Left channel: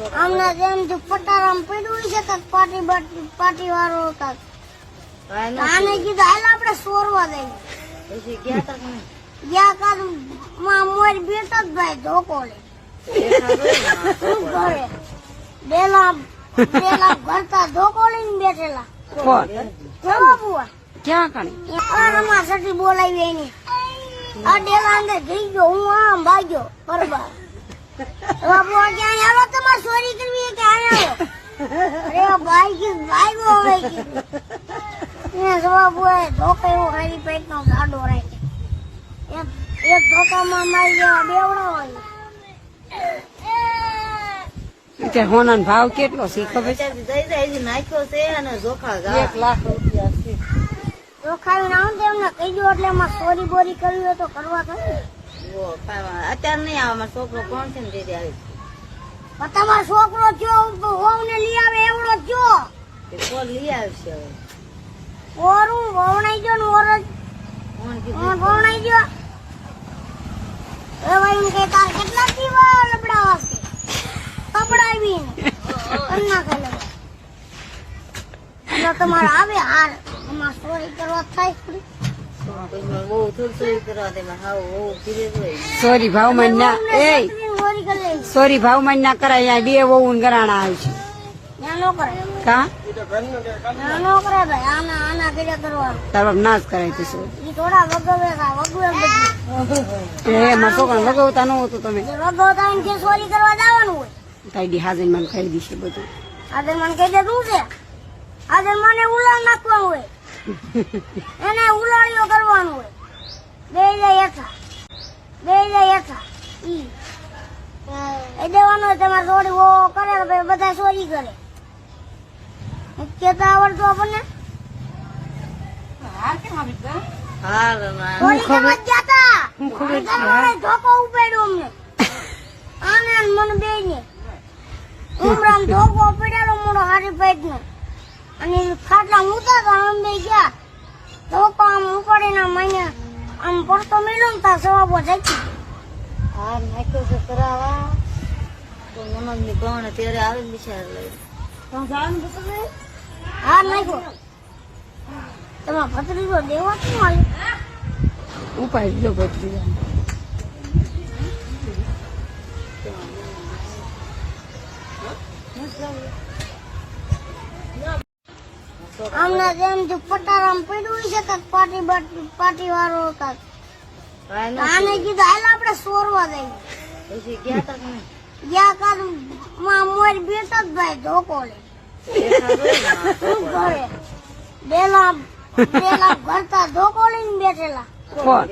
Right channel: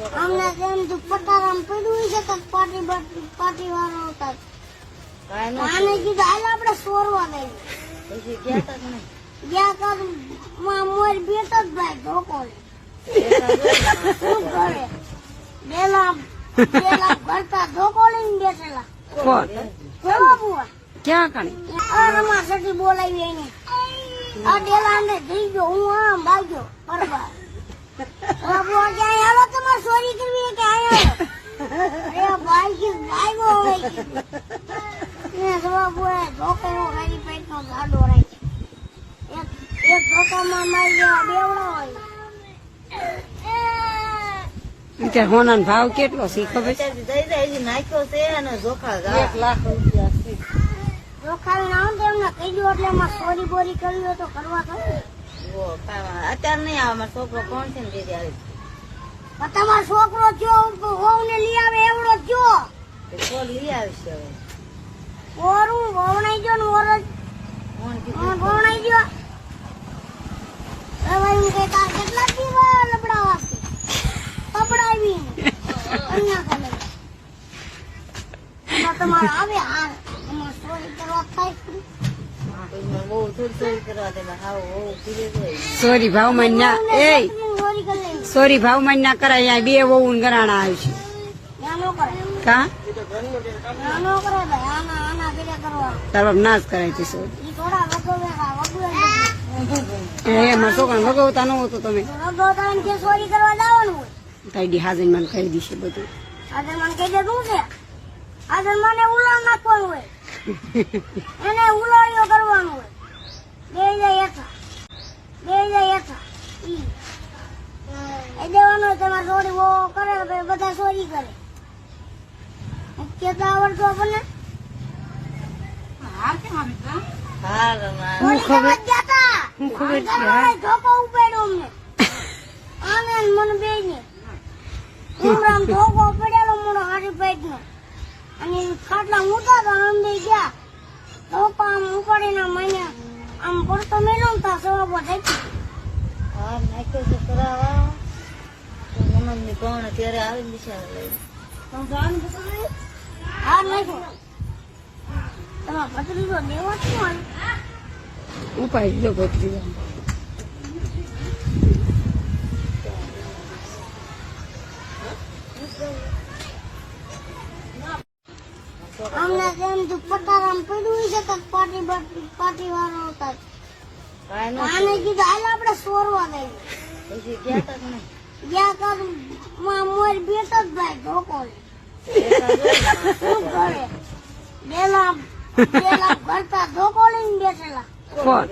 અમને જેમ થી પટારામ છે તો પાટી બાટી પાટી વાળો હતા. આને કીધું હાલ આપણે સોરવા દઈએ. ગયા તા કે નહીં? જ્યાં કાલમાં મોર બેઠા જ ભાઈ ધોકો લે. શું કરે? બેલા બેલા ભરતા ધોકો લઈને બેઠેલા. કોણ ક્યાં કણે? સટી બોલાવી એની. આ ડેલા અંદર જઈ ગયો હું આમ ભાગ્યો. બરોબર. બાબુ ક્યાં ચોરી કરવી કે આયા અરે ભાઈ કે ભાઈ હવે એ જવાબ હોય ધોકો એવો ખાલી પેટનો ગાડો રાખે એક એક ધોકામાં મારી જેવા બેવડો હોય. અત્યારે હોનાનો ભાવ કેટલો છે ખબર છે? નાખ્યો છે અને જોખા એક લાખ રૂપિયા છે. જો ખાલી આવું તો કહી દો એટલે એમાં ચોરી બોરી કરવી હોય તો કરવા કાંઈ અત્યારે નહીં આવે છોકરો કોણ છે ને દીદી આવી. તમારો છોકરો થયો તો હોવ ને લઈ આવે એવડો થયો. કોણ લઈ આવશે ઓરું વવણાઈ ગયો ને ઓરજ. કીધું? વવણાઈ ગયો એ ભાઈ કે તાર કેટલા દીવા લબડાવા છે કપડાવી ને એમના કે તમારે આવે હાર અમાર ચોરી કરવા થાય. સોરી, ભાવમાં ના એ સોરી, ભાવમાં ના કરાય, અહીંયા બે વહુ ગરાણા આવશે છે. નો કા નો ના વગવે બધું ન હાજર મને મને છે? મને ઉલાળ નાખવાનું હોય. એને ઉલાળીઓ કરવાનું હોય. બે જાય હેઠા બે જાય હેઠા ઈ. એ દેવાનું હોય તમારે થોડી વો કરે કે ભાઈ બધા ચોરી કરે. કેતા આવડતું આપણને? હાર હું ખબર હા. ધોકો ઉપાડ્યો અમને. આને મને બે ને ઉમરામ ધોકો પડ્યો મોડો હારી પેટ ને અને ખાટલા મૂતા તો આમ બે ગયા. ધોકો આમ ઉપાડીને મને આમ પડતો મેળો તા સવાબો જાય હાર નાખ્યો છે કરાવા. તો નનદની કોણ ત્યારે આવી બિચારા લઈ હા નાખ્યો. તમે ભત્રીજો દેવા શું આવ્યો ઉપાય જો ભત્રીજા અમને જેમ પટારામ પડ્યું છે તો પાટી બાટી પાટી વાળો હતા. આને કીધું હાલ આપણે સોરવા દઈએ. ગયા નહીં? કાલમાં મોર બેઠા જ ભાઈ ધોકો શું કરે? બેલા બેલા ભરતા ધોકો લઈને બેઠેલા. કોણ